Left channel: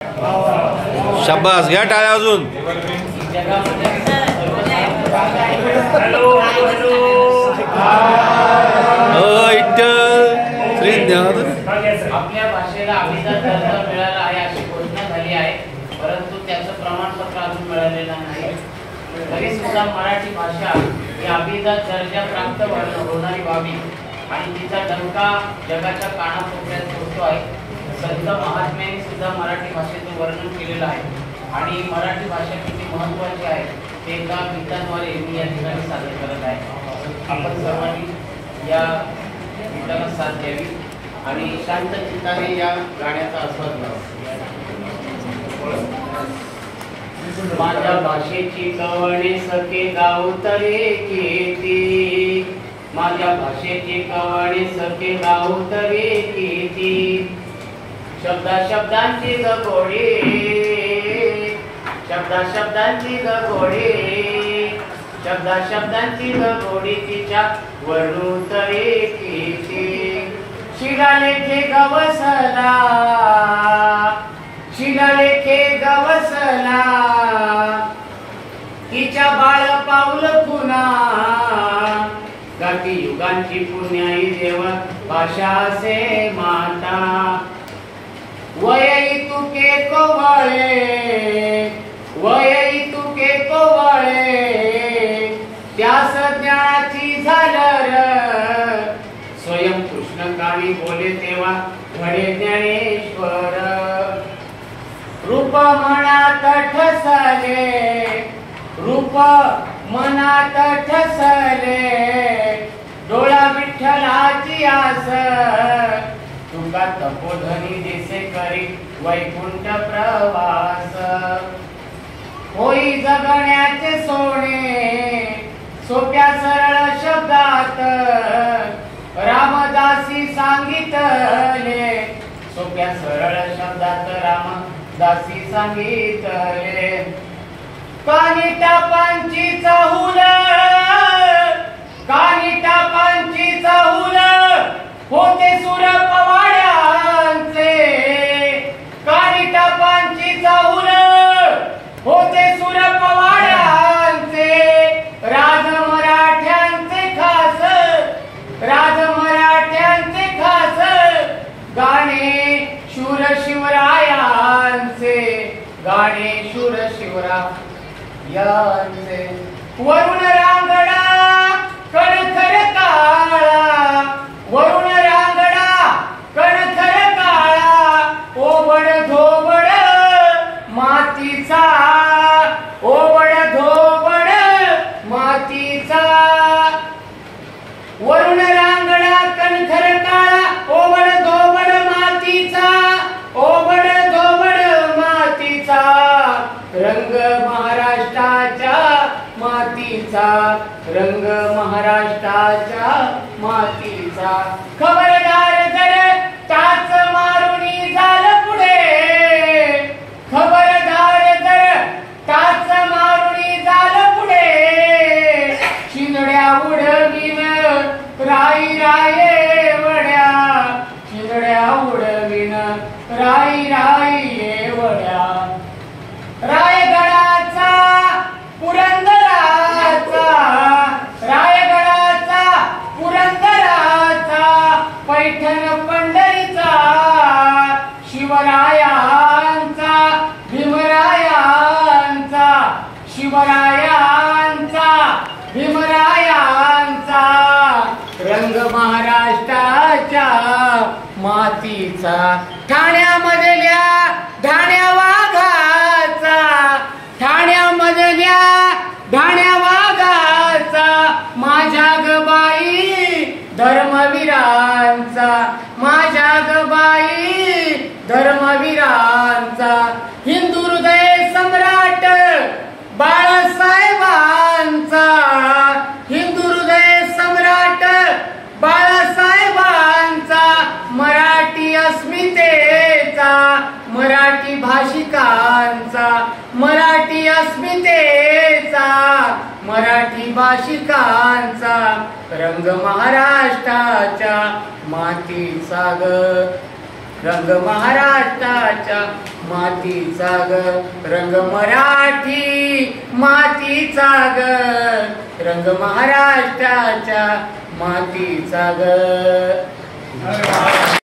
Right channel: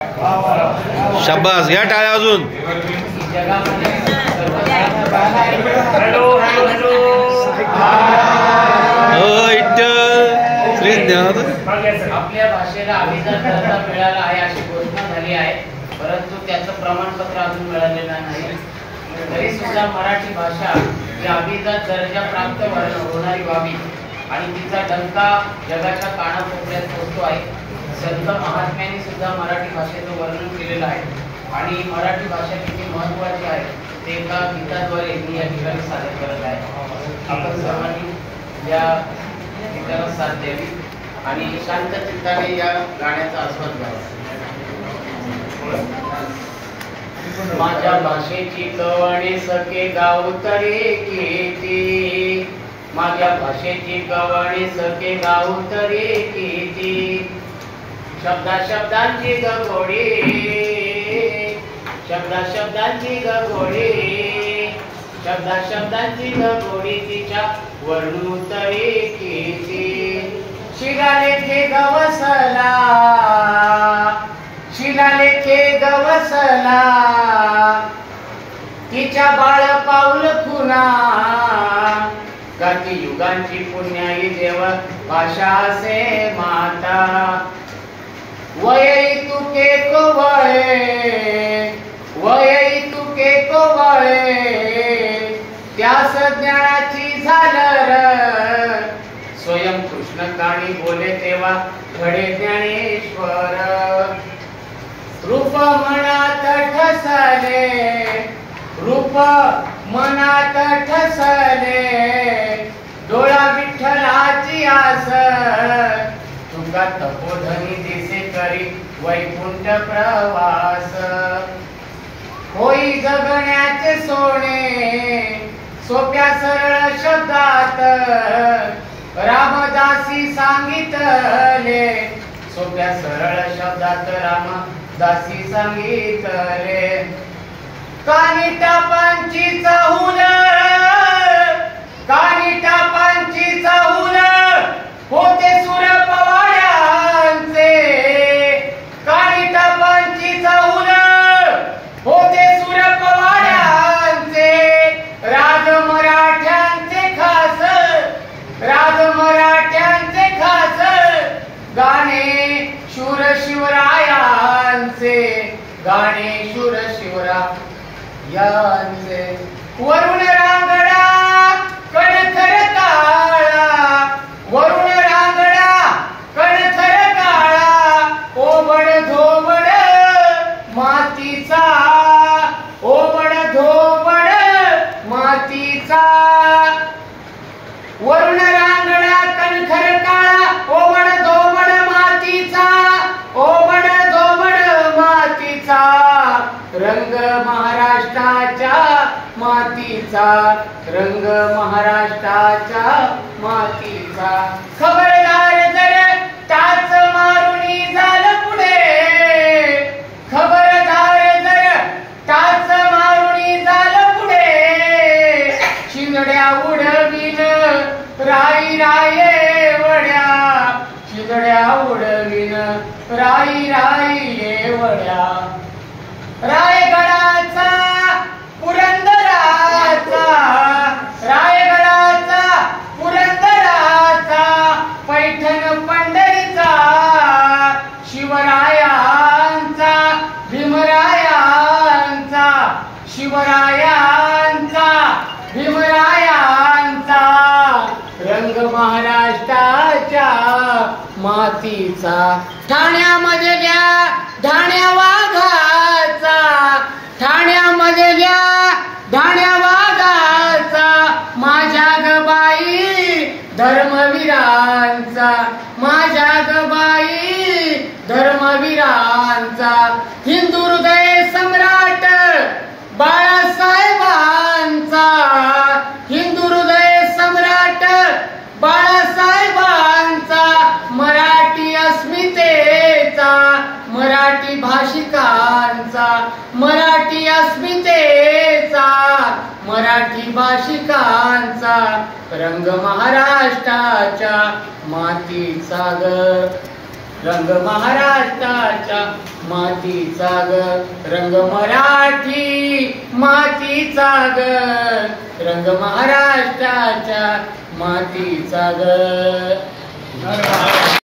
शाबास, घ्या टाळ्या अजून. आपल्या भाषेला अभिजात दर्जा मिळाला आहे अशी घोषणा झाली आहे, परंतु त्याचं प्रमाणपत्र अजून मिळालेलं नाही. तरी सुद्धा मराठी भाषा ही अभिजात दर्जा प्राप्त होणारी व्हावी आणि तिचा डंका जगाच्या कानाकोपऱ्यात पोहोचतो आहे. संत महात्म्यांनी सुद्धा मराठी भाषेचं वर्णन केलेलं आहे आणि मराठी भाषा किती महत्त्वाची आहे ते एका गीताद्वारे मी या ठिकाणी सादर करत आहे. आपण सर्वांनी या गीताला साथ द्यावी आणि शांत चित्ताने या गाण्याचा आस्वाद घ्यावा. माझ्या भाषेची कवणे सखे गाऊ तरी किती, माझ्या भाषेची कवणे सखे गाऊ तरी किती. शब्दा शब्दांची गोडी, शब्दा शब्दांची गोडी, शब्दा शब्दांची गोडी तिच्या वर्णू तरी किती. शिलालेखे गवसला, शिलालेखे गवसला, तिच्या बाळ पाऊल खुना. गाठी युगांची पुण्याई देव भाषा से माता. वयई तुके कोवळे, वयई तुके कोवळे, त्यास ज्ञानाची झालर. स्वयं कृष्ण काळी बोले तेव्हा घडे ज्ञानेश्वर. रूप मनात ठसले, रूप मनात ठसले, डोळा विठ्ठलाची आस. तुका तपोधनी दिसे करी वैकुंठ प्रवास. होई जगण्याचे सोने सोप्या सरळ शब्दात. रामदासी सांगितले, सोप्या सरळ शब्दात रामदासी सांगितले. कानी टापांची चाहूल, कानी टापांची चाहूल, होते सुर पवाड्यांचे. कानी टापांची चाहूल, होते सुर पवाड्यांचे. राज मराठ्यांचे खास, राज मराठ्यांचे खास, गाणे शूर शिवरायांचे, गाणे शूर शिवरायांचे. वरुण रांगडा कणखर काळा, वरुण रांगडा कणखर काळा. ओबड धोबड मातीचा, ओबड धोबड मातीचा. वरुण रांगडा कणखर काळा, ओबड धोबड मातीचा, ओबड धोबड मातीचा. रंग महाराष्ट्राच्या मातीचा, रंग महाराष्ट्राच्या मातीचा. खबरदार जर टाच मारुनी झालं पुढे, खबरदार जर टाच मारुनी झालं पुढे. शिंदड्या उडवीन राई राये वड्या, शिंदड्या उडवीन राई राई वड्या. रायगडाचा पुरंदराचा, रायगडाचा पुरंदराचा, पैठण पंढरीचा. शिवरायांचा भीमरायांचा, शिवरायांचा भीमरायांचा. रंग महाराष्ट्राच्या मातीचा. ठाण्यामधल्या ढाण्या वाघाचा, ठाण्यामधल्या ढाण्या वाघाचा. माझ्या गबाई धर्मवीरांचा, माझ्या गबाई धर्मवीरांचा. हिंदू हृदय सम्राट बाळासाहेबांचा, हिंदू हृदय सम्राट बाळासाहेबांचा. मराठी अस्मितेचा, मराठी भाषिकांचा, मराठी अस्मितेचा, मराठी भाषिकांचा. रंग महाराष्ट्राच्या मातीचा ग. रंग महाराष्ट्राच्या मातीचा ग, रंग मराठी मातीचा ग, रंग महाराष्ट्राच्या मातीचा ग.